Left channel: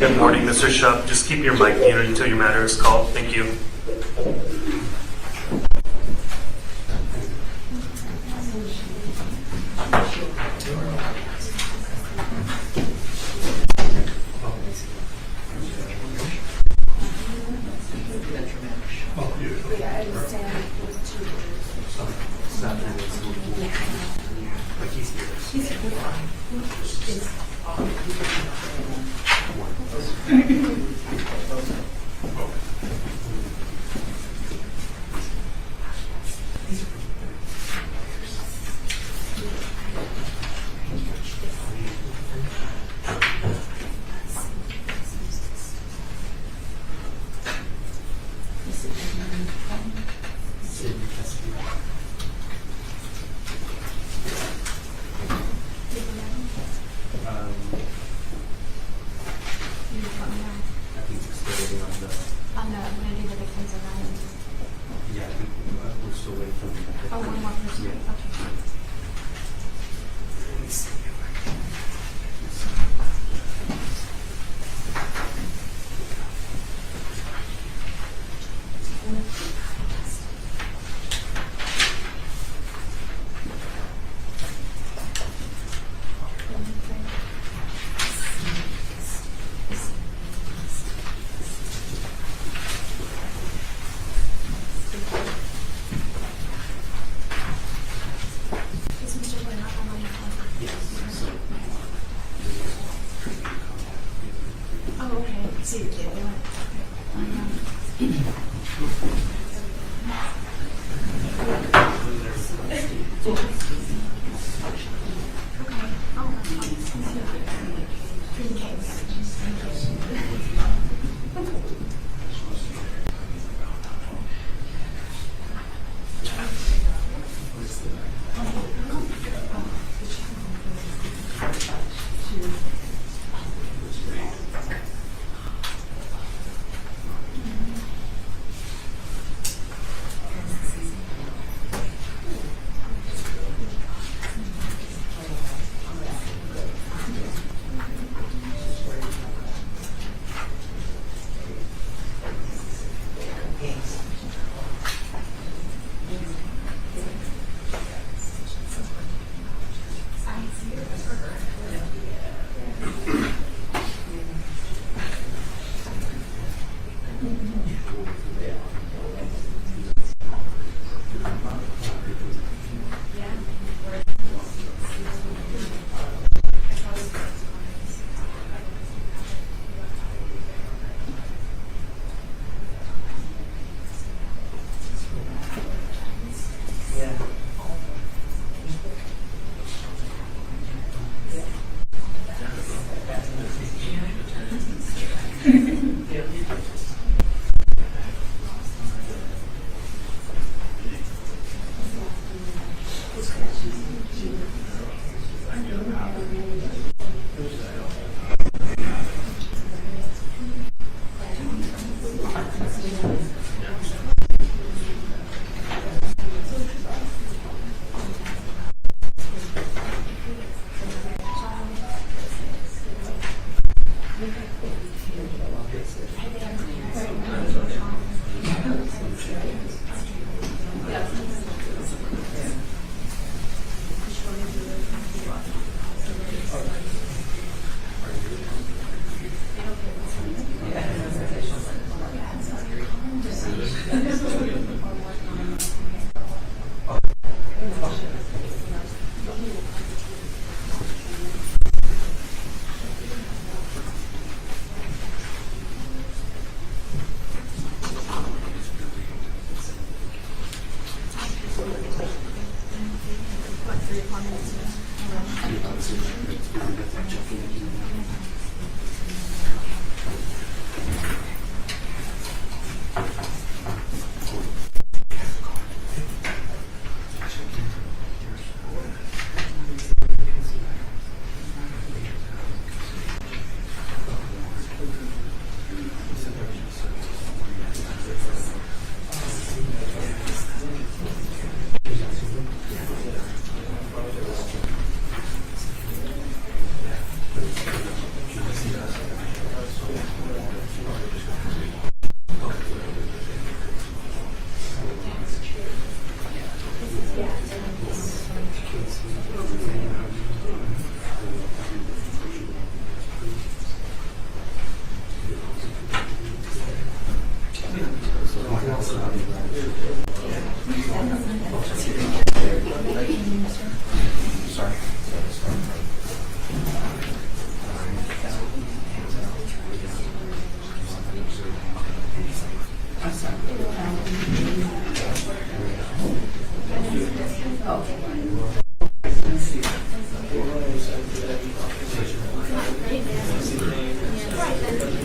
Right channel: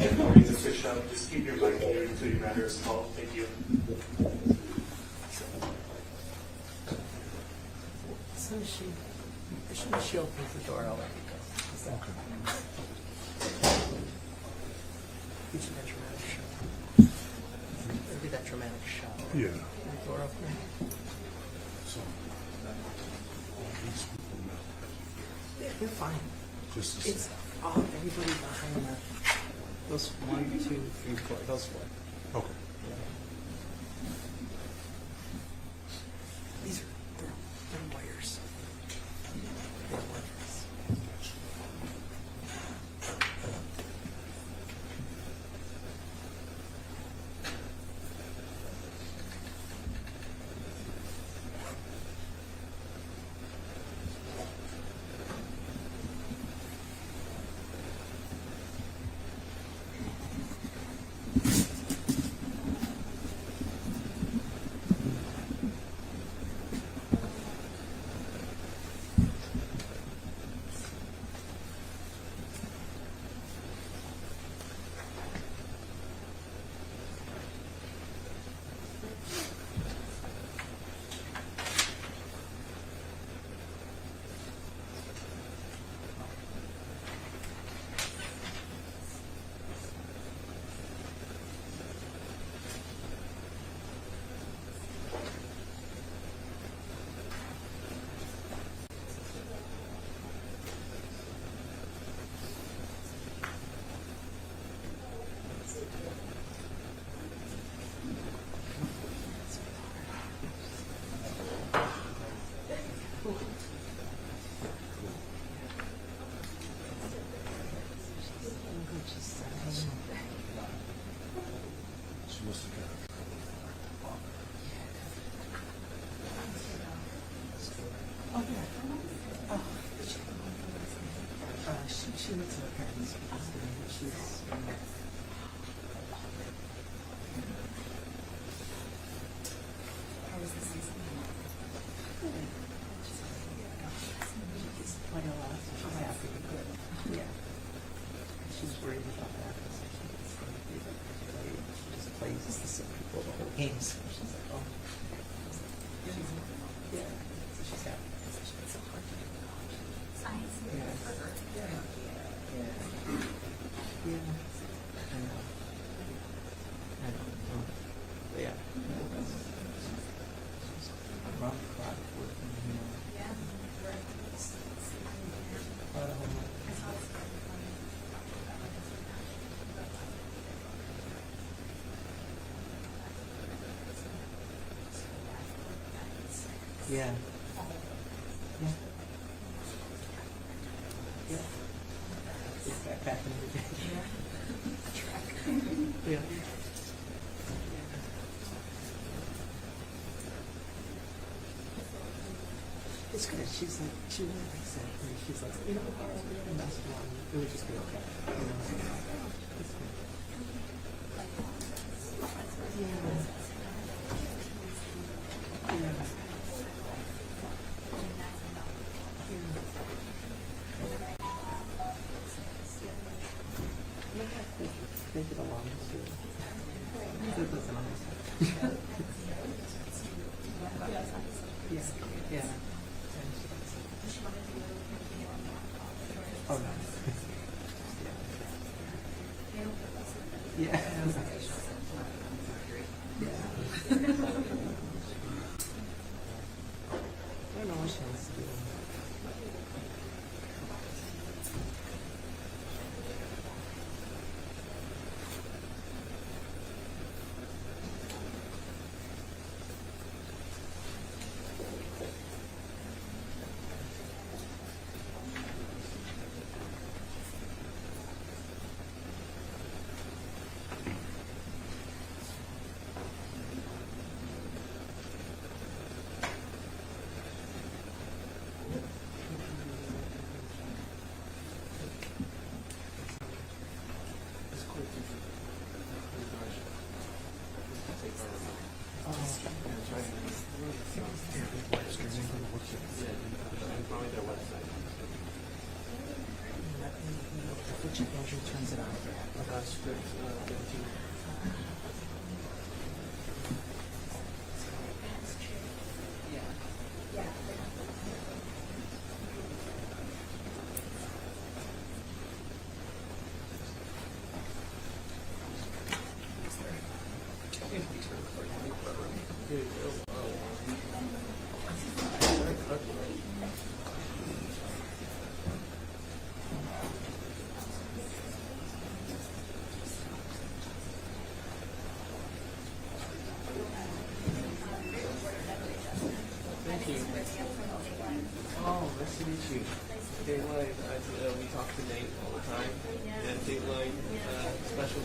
Good morning, Mr. Shupp. Just keep your mic muted until your matter is called. Thank you.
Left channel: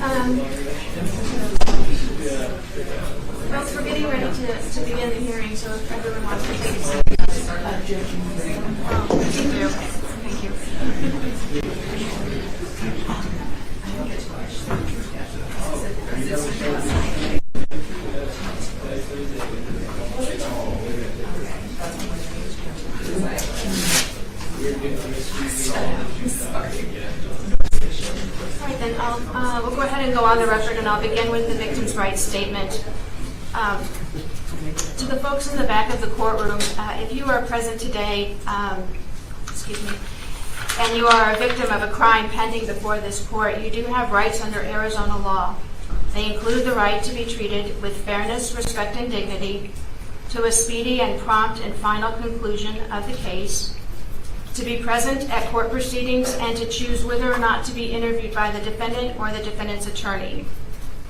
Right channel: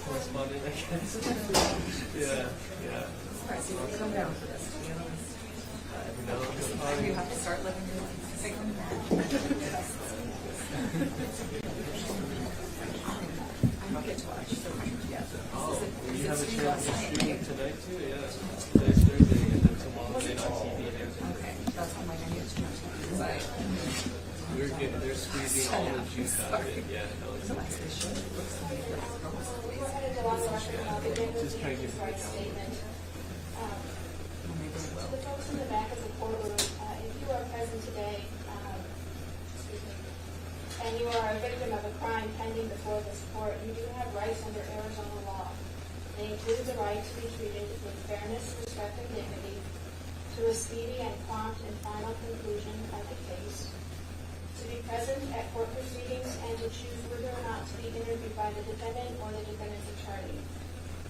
Folks, we're getting ready to begin the hearing, so if everyone wants to take a seat. Thank you. Thank you. All right, then we'll go ahead and go on the record, and I'll begin with the victim's rights statement. To the folks in the back of the courtroom, if you are present today, and you are a victim of a crime pending before this court, you do have rights under Arizona law. They include the right to be treated with fairness, respect, and dignity, to a speedy and prompt and final conclusion of the case, to be present at court proceedings, and to choose whether or not to be interviewed by the defendant or the defendant's attorney.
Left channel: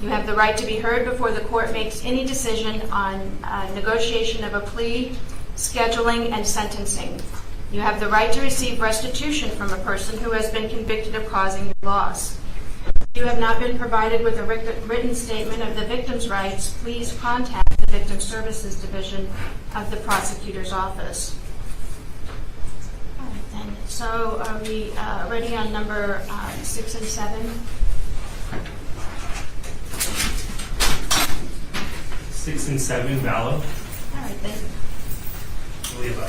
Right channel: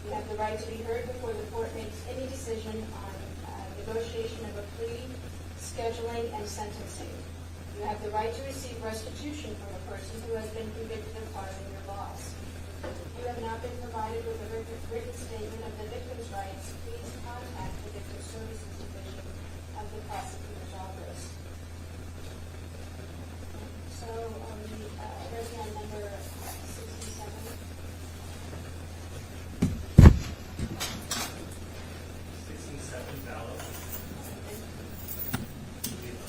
You have the right to be heard before the court makes any decision on negotiation of a plea, scheduling, and sentencing. You have the right to receive restitution from a person who has been convicted of causing your loss. If you have not been provided with a written statement of the victim's rights, please contact the Victim Services Division of the Prosecutor's Office. All right, then. So are we ready on number 6 and 7? 6 and 7, Vallow. All right, then. We have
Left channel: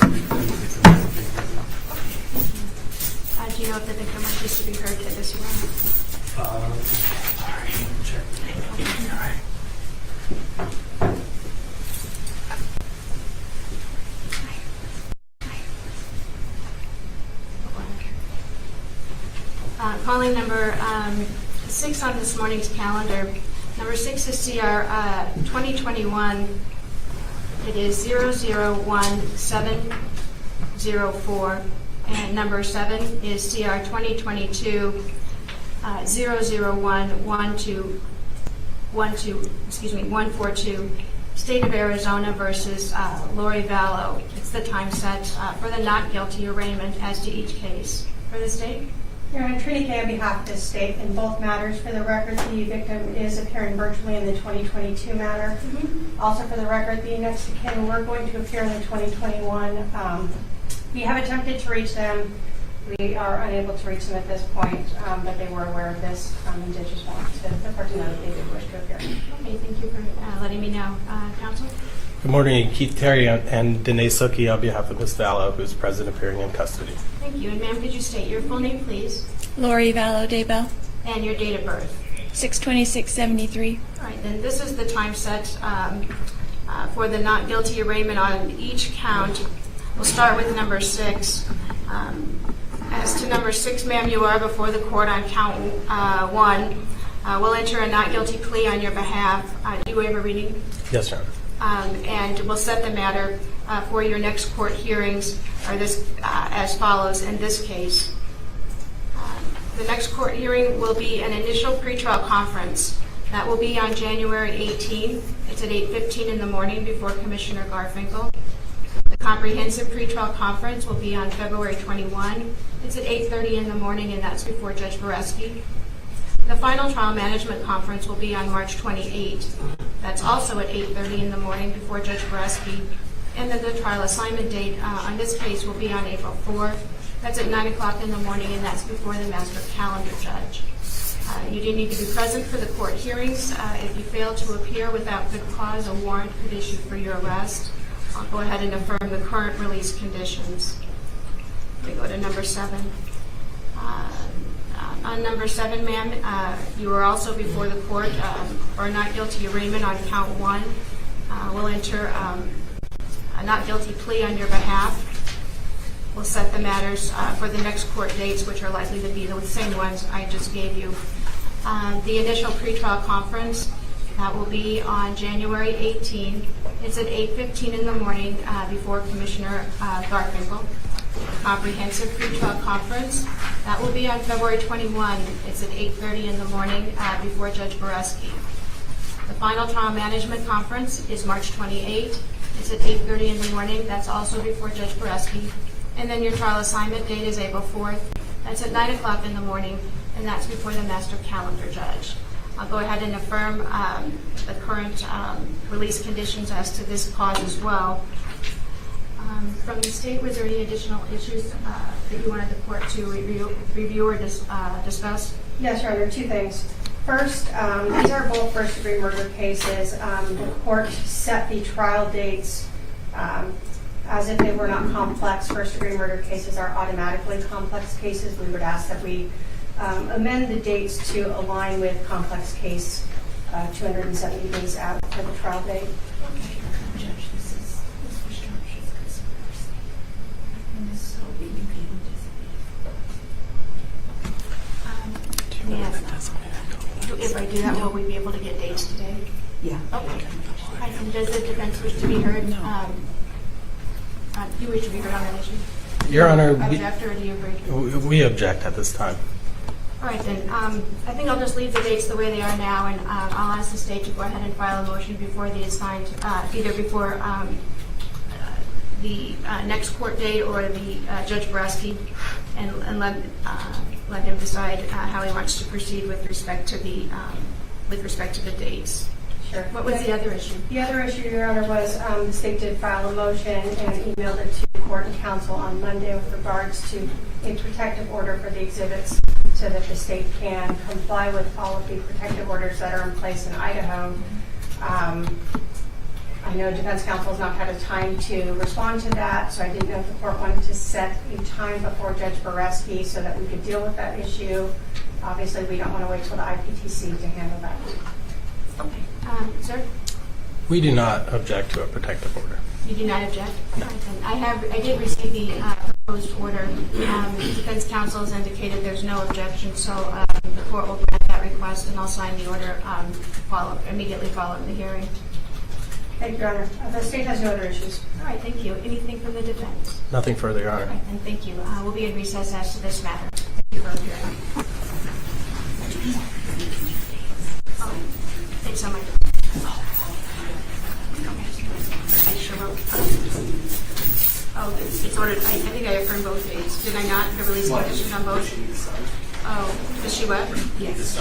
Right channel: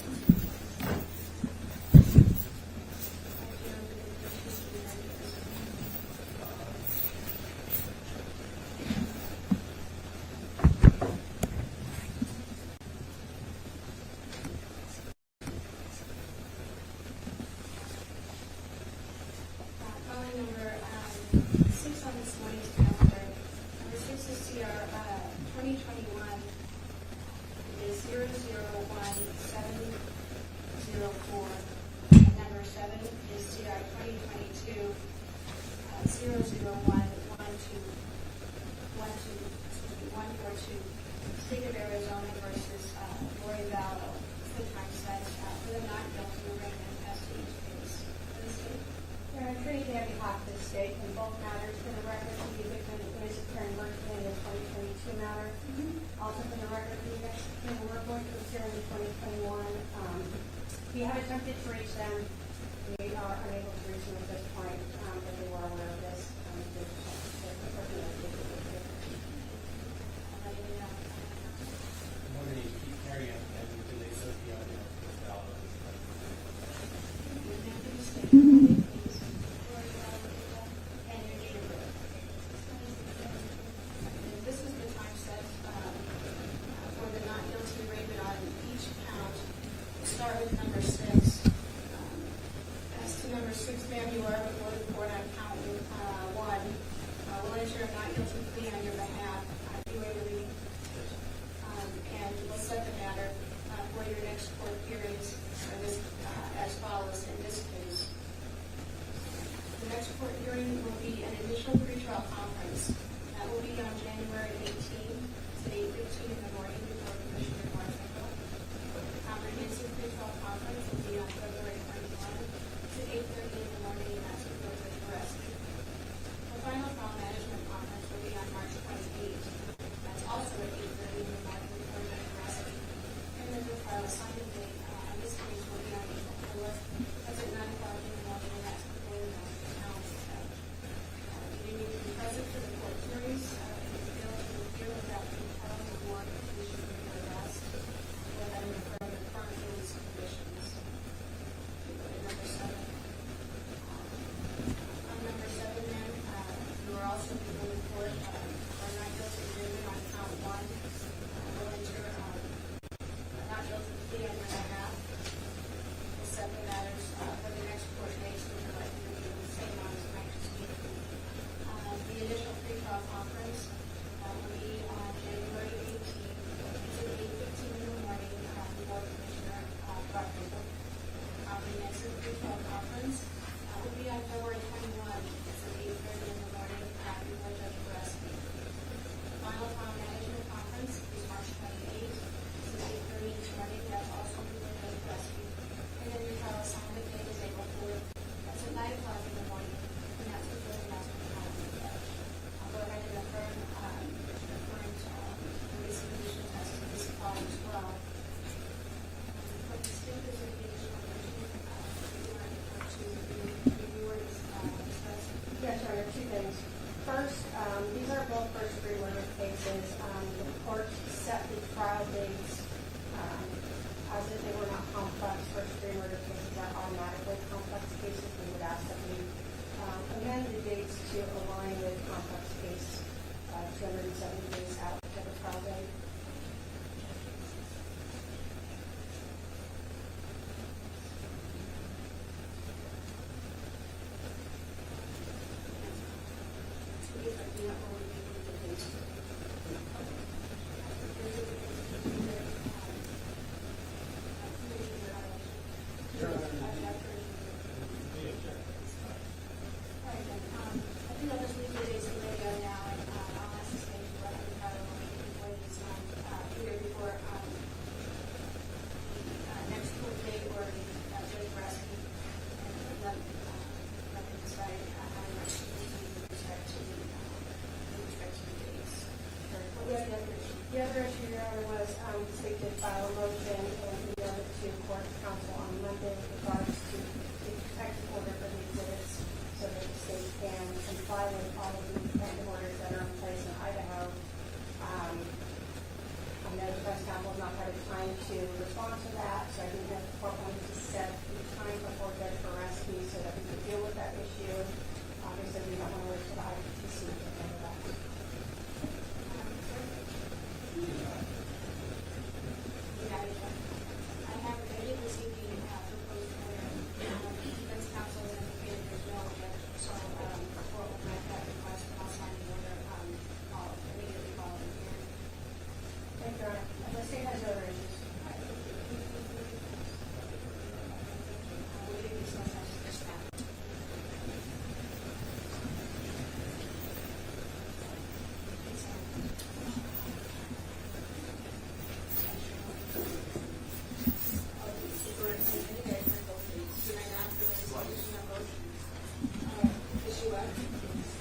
Do you know if the victim wishes to be heard to this one? sorry, check. All right. Calling number 6 on this morning's calendar. Number 6 is CR 2021. It is 001704. And number 7 is CR 2022 142. State of Arizona versus Lori Vallow. It's the time set for the not guilty arraignment as to each case. For the state? Your Honor, Trini Kay on behalf of the state in both matters. For the record, the victim is appearing virtually in the 2022 matter. Also for the record, the next of kin, we're going to appear in the 2021. We have attempted to reach them. We are unable to reach them at this point, but they were aware of this and did just want the court to know that they did wish to appear. Okay, thank you for letting me know. Counsel? Good morning, Keith Terry and Danae Suki on behalf of Ms. Vallow, who's present appearing in custody. Thank you. And ma'am, could you state your full name, please? Lori Vallow, Daybell, And your date of birth? 6/26/73. All right, then this is the time set for the not guilty arraignment on each count. We'll start with number 6. As to number 6, ma'am, you are before the court on count 1. We'll enter a not guilty plea on your behalf. Do you waive a reading? Yes, Your Honor. And we'll set the matter for your next court hearings are this as follows in this case. The next court hearing will be an initial pretrial conference. That will be on January 18th. It's at 8:15 in the morning before Commissioner Garfinkel. The comprehensive pretrial conference will be on February 21. It's at 8:30 in the morning, and that's before Judge Boreski. The final trial management conference will be on March 28. That's also at 8:30 in the morning before Judge Boreski. And then the trial assignment date on this case will be on April 4th. That's at 9 o'clock in the morning, and that's before the master calendar judge. You do need to be present for the court hearings. If you fail to appear without good cause, a warrant could issue for your arrest. I'll go ahead and affirm the current release conditions. We go to number 7. On number 7, ma'am, you are also before the court for a not guilty arraignment on count 1. We'll enter a not guilty plea on your behalf. We'll set the matters for the next court dates, which are likely to be the same ones I just gave you. The initial pretrial conference, that will be on January 18th. It's at 8:15 in the morning before Commissioner Garfinkel. Comprehensive pretrial conference, that will be on February 21. It's at 8:30 in the morning before Judge Boreski. The final trial management conference is March 28. It's at 8:30 in the morning. That's also before Judge Boreski. And then your trial assignment date is April 4th. That's at 9 o'clock in the morning, and that's before the master calendar judge. I'll go ahead and affirm the current release conditions as to this cause as well. From the state, was there any additional issues that you wanted the court to review or discuss? Yes, Your Honor, two things. First, these are both first-degree murder cases. The court set the trial dates as if they were not complex. First-degree murder cases are automatically complex cases. We would ask that we amend the dates to align with complex case 270 days out for the trial date. If I do that, will we be able to get dates today? Yeah. Okay. And does the defense wish to be heard? No. Do you wish to be heard on that issue? Your Honor, Object, or do you agree? we object at this time. All right, then. I think I'll just leave the dates the way they are now, and I'll ask the state to go ahead and file a motion before the assigned, either before the next court date or the Judge Boraski, and let him decide how he wants to proceed with respect to the dates. Sure. What was the other issue? The other issue, Your Honor, was the state did file a motion and emailed it to court and counsel on Monday with regards to a protective order for the exhibits so that the state can comply with all of the protective orders that are in place in Idaho. I know defense counsel has not had a time to respond to that, so I didn't know if the court wanted to set a time before Judge Boraski so that we could deal with that issue. Obviously, we don't want to wait till the IPTC to handle that. Okay. Sir? We do not object to a protective order. You do not object? No. I did receive the proposed order. Defense counsel has indicated there's no objection, so the court will grant that request, and I'll sign the order immediately following the hearing. Thank you, Your Honor. The state has no other issues. All right, thank you. Anything from the defense? Nothing further, Your Honor. All right, and thank you. We'll be in recess as to this matter. Thank you for appearing. Oh, thanks so much. I sure will. Oh, it's ordered. I think I affirmed both dates. Did I not? The release conditions on both? Oh, does she what? Yes.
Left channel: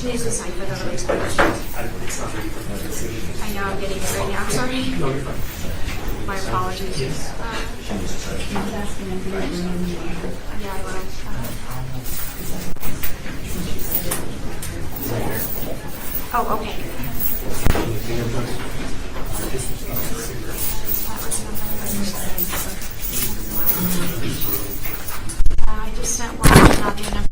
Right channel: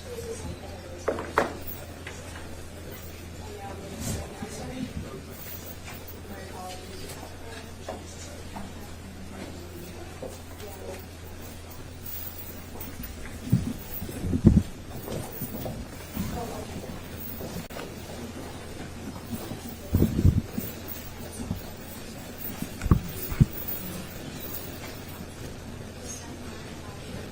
She needs to sign for the release conditions. I know I'm getting it right now. I'm sorry. No, you're fine. My apologies. Yes. Yeah, I will. Oh, okay. I just sent one. I'll do number.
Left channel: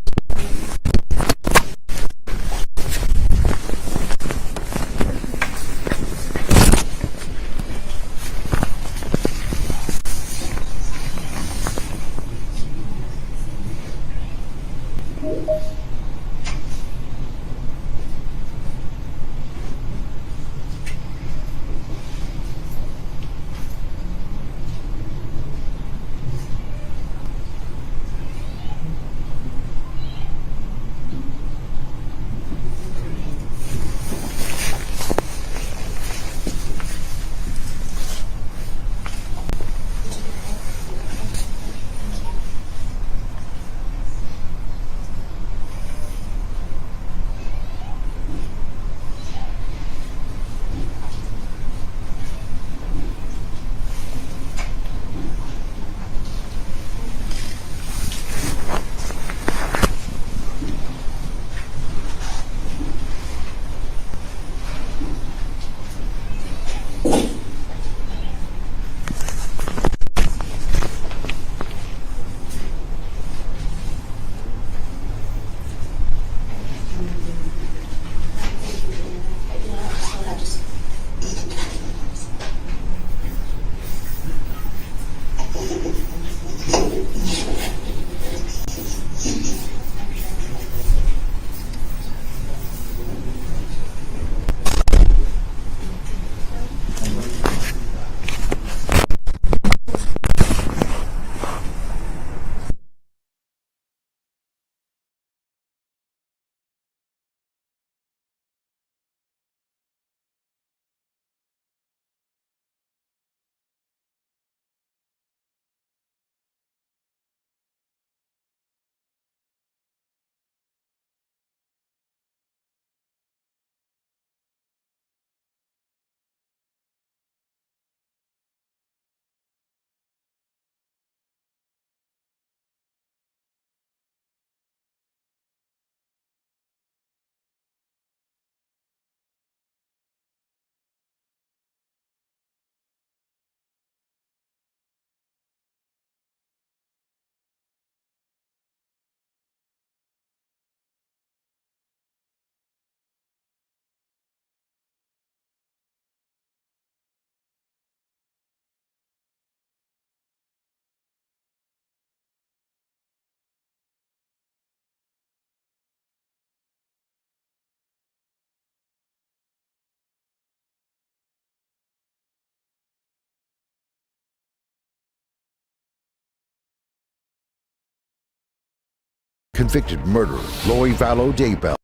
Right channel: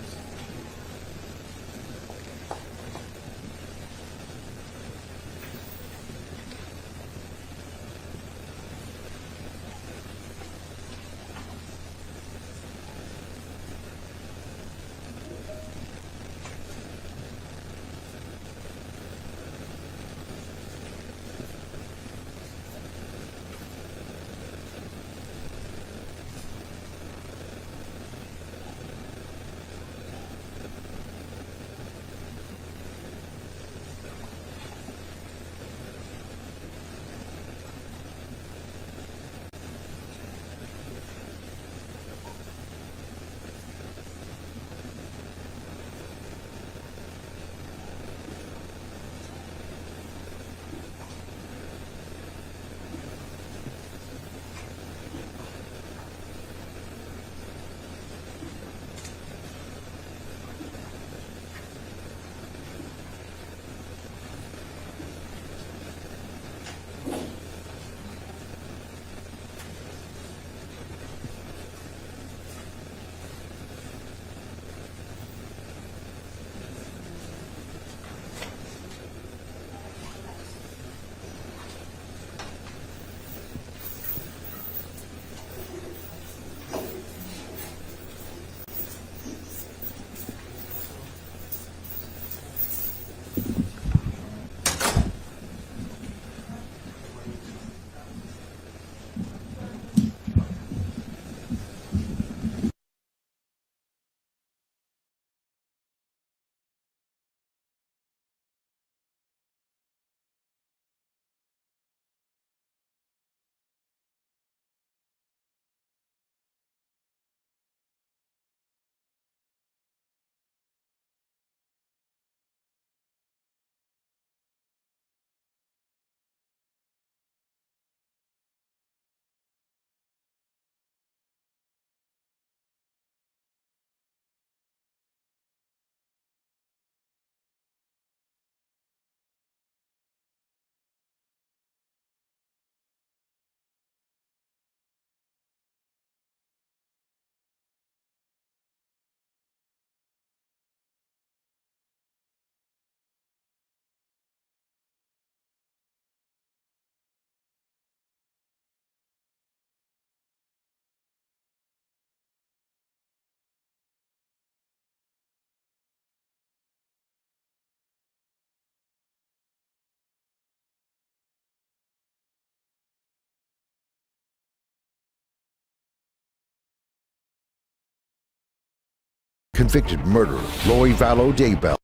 Convicted murderer Lori Vallow Daybell.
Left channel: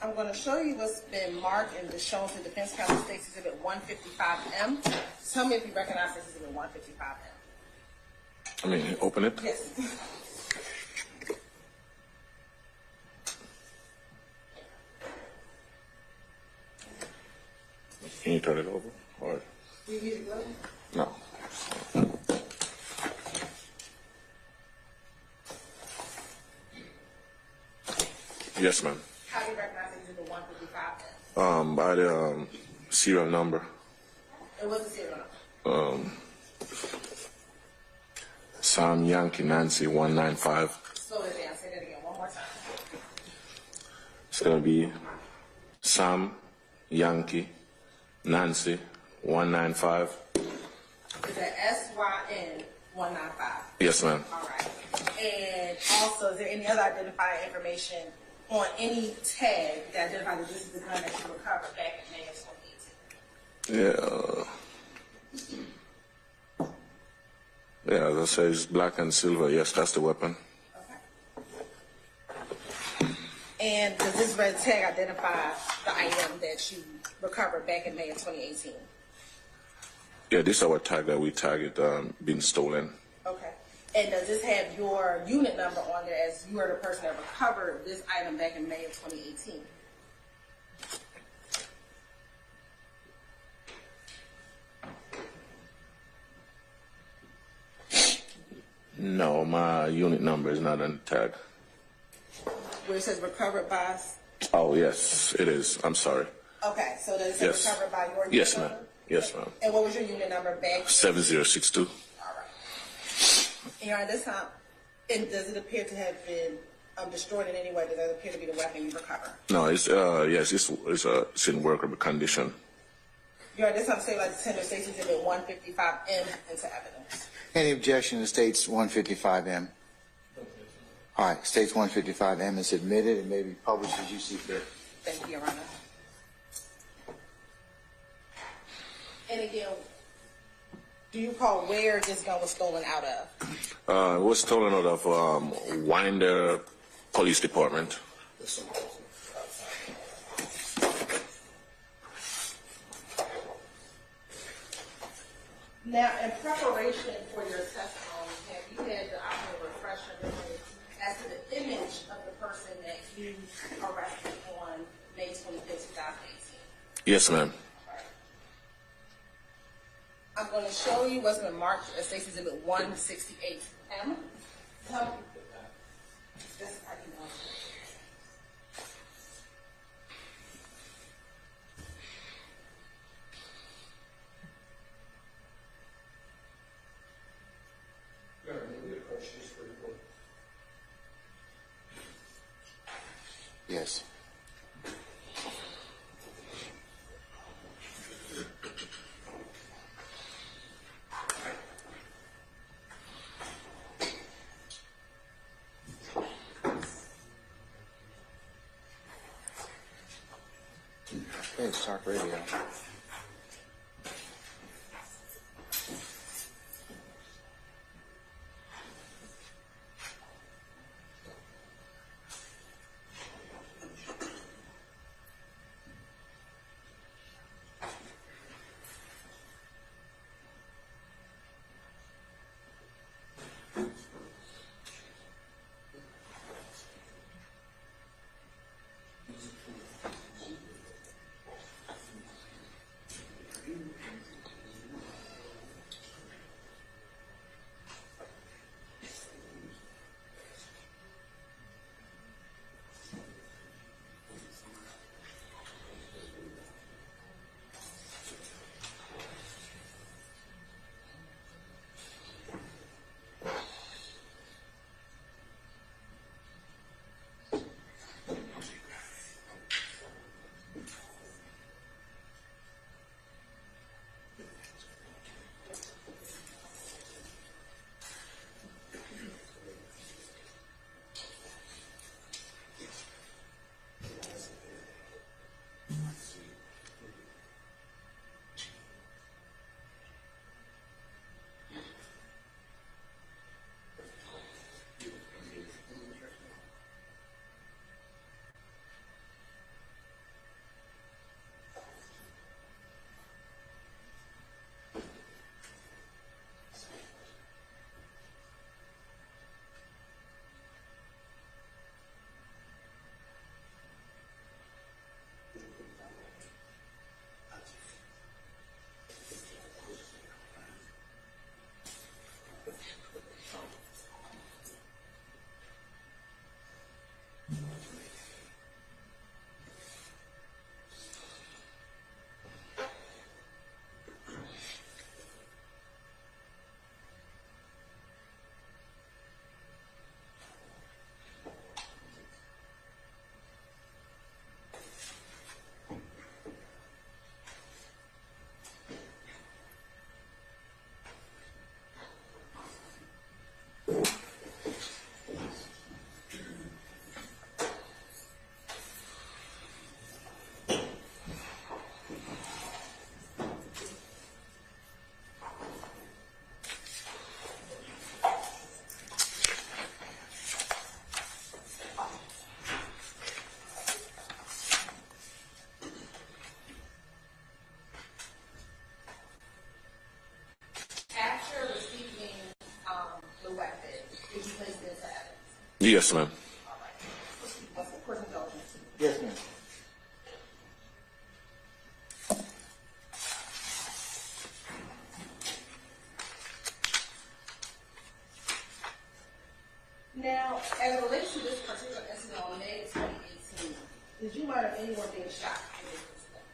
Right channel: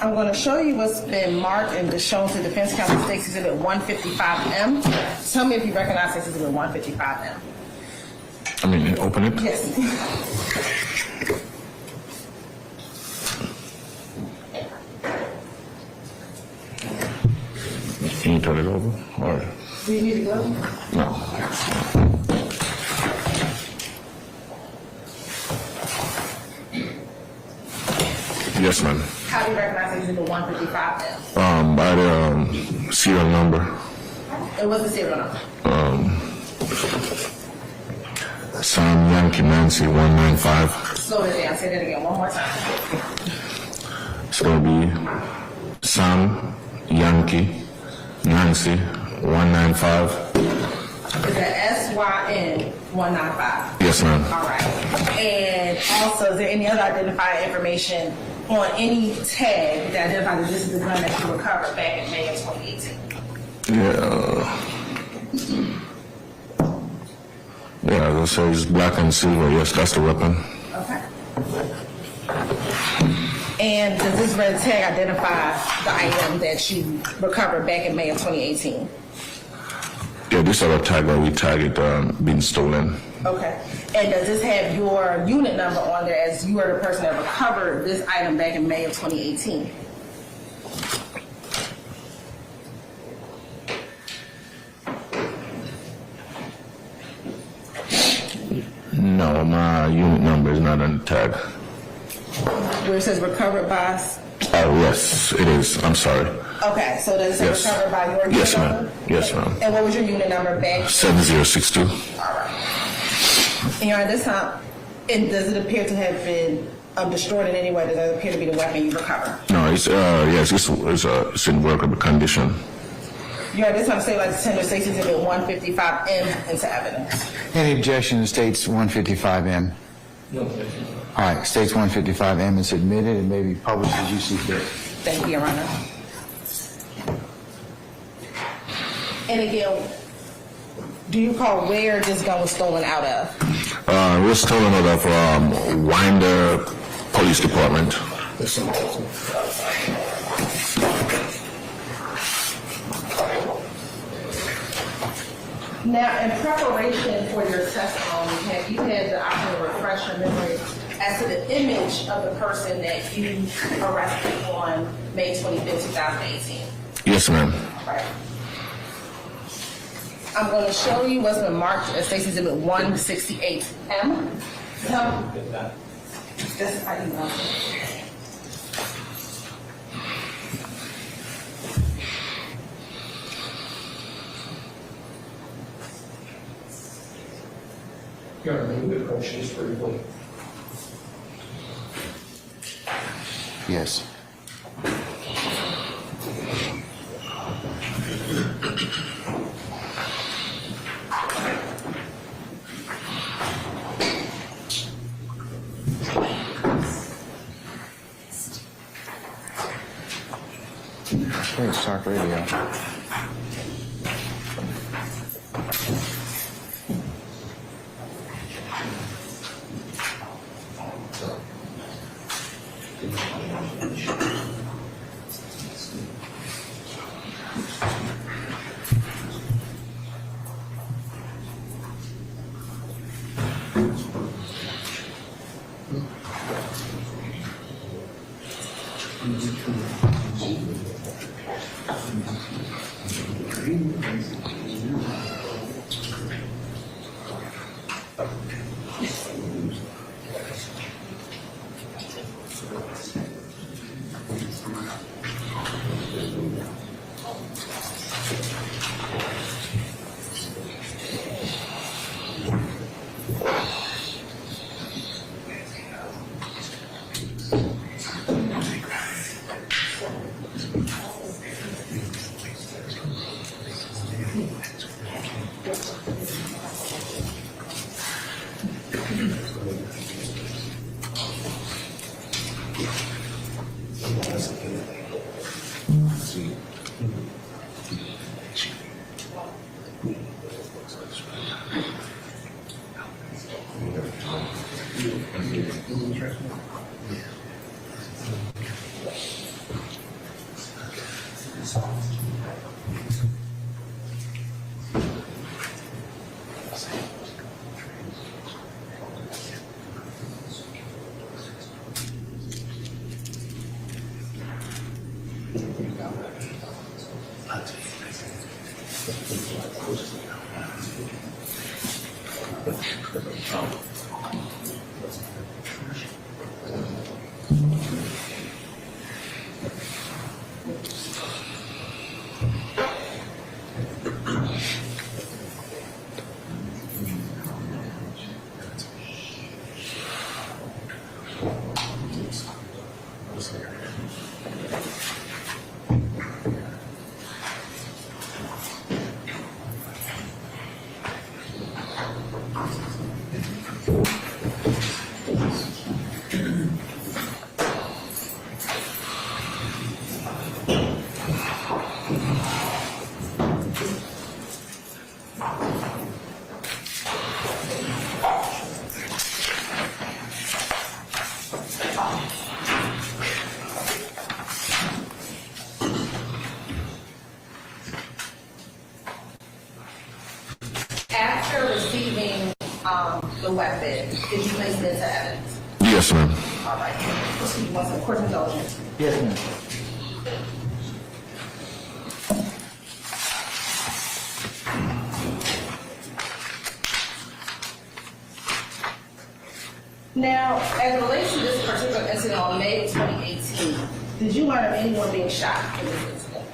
I'm going to show you what's been marked and shown to Defense Counsel State's Exhibit 155M. Tell me if you recognize this Exhibit 155M. I mean, open it? Yes. Can you turn it over? Or Do you need a glove? no? Yes, ma'am. How do you recognize Exhibit 155M? By the serial number. It was the serial number. Sam Yankee Nancy 195. Slow it down. Say that again one more time. It's gonna be Sam Yankee Nancy 195. Is that SYN 195? Yes, ma'am. All right. And also, is there any other identifying information on any tag that identifies that this is the gun that you recovered back in May of 2018? Yeah, as I said, it's black and silver. Yes, that's the weapon. Okay. And does this red tag identify the item that you recovered back in May of 2018? Yeah, this other tag that we tagged being stolen. Okay. And does this have your unit number on there as you are the person that recovered this item back in May of 2018? No, my unit number is not on the tag. Where it says recovered by... Oh, yes, it is. I'm sorry. Okay, so does it say Yes. recovered by your unit Yes, number? ma'am. Yes, ma'am. And what was your unit number back? 7062. All right. And you're at this time, and does it appear to have been destroyed in any way? Does it appear to be the weapon you recovered? No, it's yes, it's in workable condition. You're at this time, say like the tender states exhibit 155M into evidence. Any objection to states 155M? No objection. All right, states 155M is admitted and may be published as you see fit. Thank you, Your Honor. And again, do you recall where this gun was stolen out of? It was stolen out of Winder Police Department. Now, in preparation for your testimony, have you had the opportunity to refresh your memory as to the image of the person that you arrested on May 25th, 2018? Yes, ma'am. Right. I'm going to show you what's been marked as State's Exhibit 168M. This is how you know. Your Honor, may we approach this briefly? Yes. Okay, start radio. After receiving the weapon, did you place it into evidence? Yes, ma'am. All right. Proceed once in court indulgence. Yes, ma'am. Now, as it relates to this particular incident on May of 2018, did you learn of anyone being shot in this incident?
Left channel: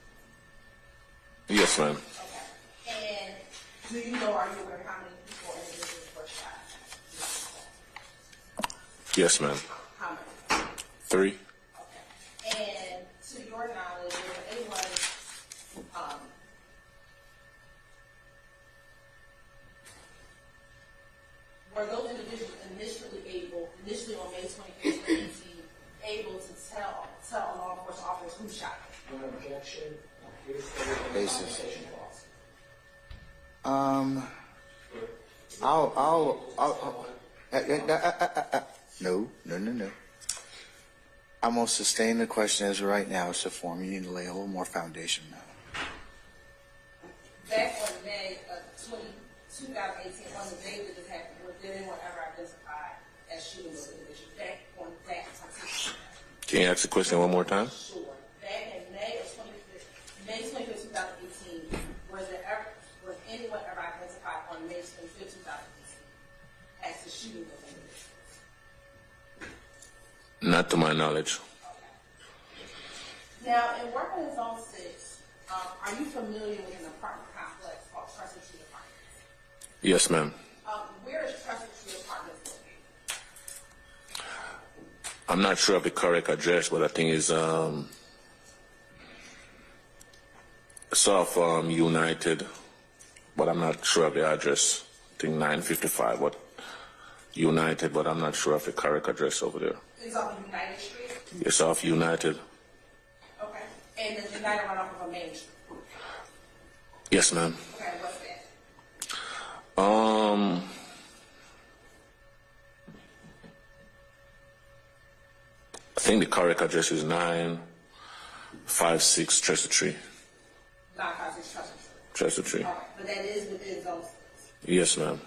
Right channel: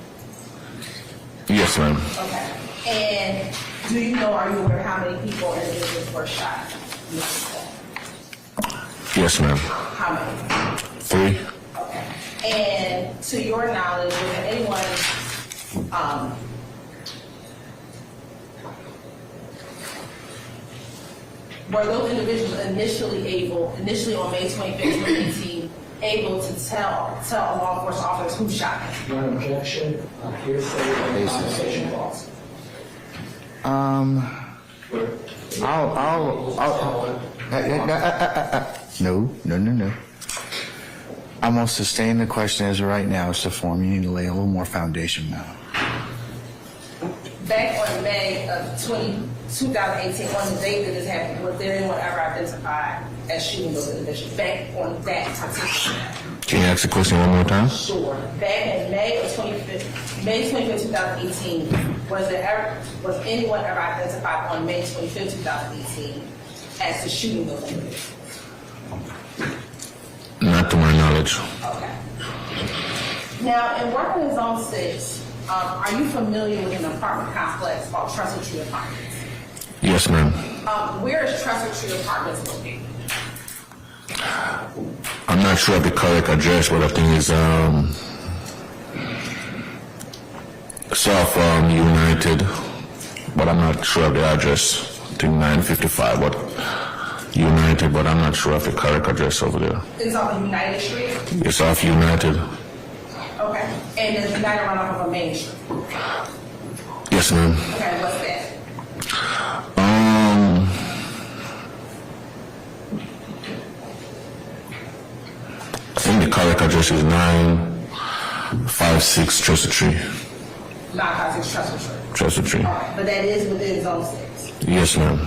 Yes, ma'am. Okay. And do you know, are you aware how many people and individuals were shot in this incident? Yes, ma'am. How many? 3. Okay. And to your knowledge, was there anyone, were those individuals initially on May 25th, 2018, able to tell law enforcement officers who shot them? No objection, hearsay, or conversation clause. No. I'm going to sustain the question as of right now. It's the form. You need to lay a little more foundation now. Back on May of 2018, on the day that this happened, was there anyone ever identified as shooting those individuals? Back on that particular day? Can you ask the question one more time? Sure. Back in May 25th, 2018, was anyone ever identified on May 25th, 2018 as to shooting those individuals? Not to my knowledge. Okay. Now, in working in Zone 6, are you familiar with an apartment complex called Trestle Tree Apartments? Yes, ma'am. Where is Trestle Tree Apartments located? I'm not sure of the correct address, but I think it's South United, but I'm not sure of the address. I think 955, but United, but I'm not sure of the correct address over there. It's off of United Street? It's off United. Okay. And does United run off of a main street? Yes, ma'am. Okay, what's that? I think the correct address is 956 Trestle Tree. 956 Trestle Tree. Trestle Tree. All right, but that is within Zone 6. Yes, ma'am.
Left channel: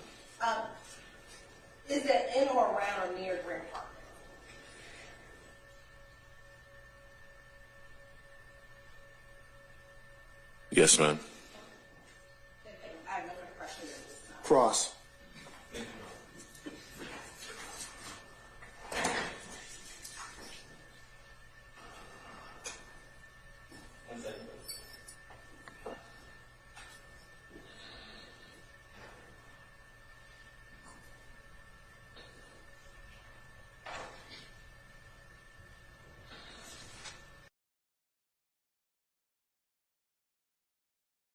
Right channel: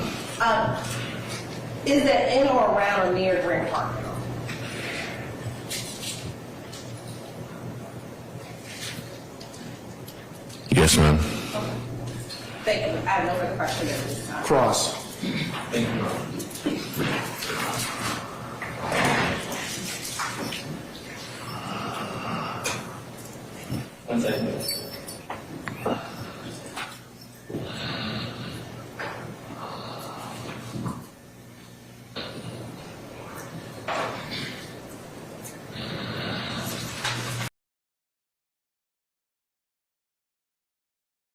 Is that in or around or near Grant Park? Yes, ma'am. Thank you. I have no further questions at this time. Cross. Thank you. One second.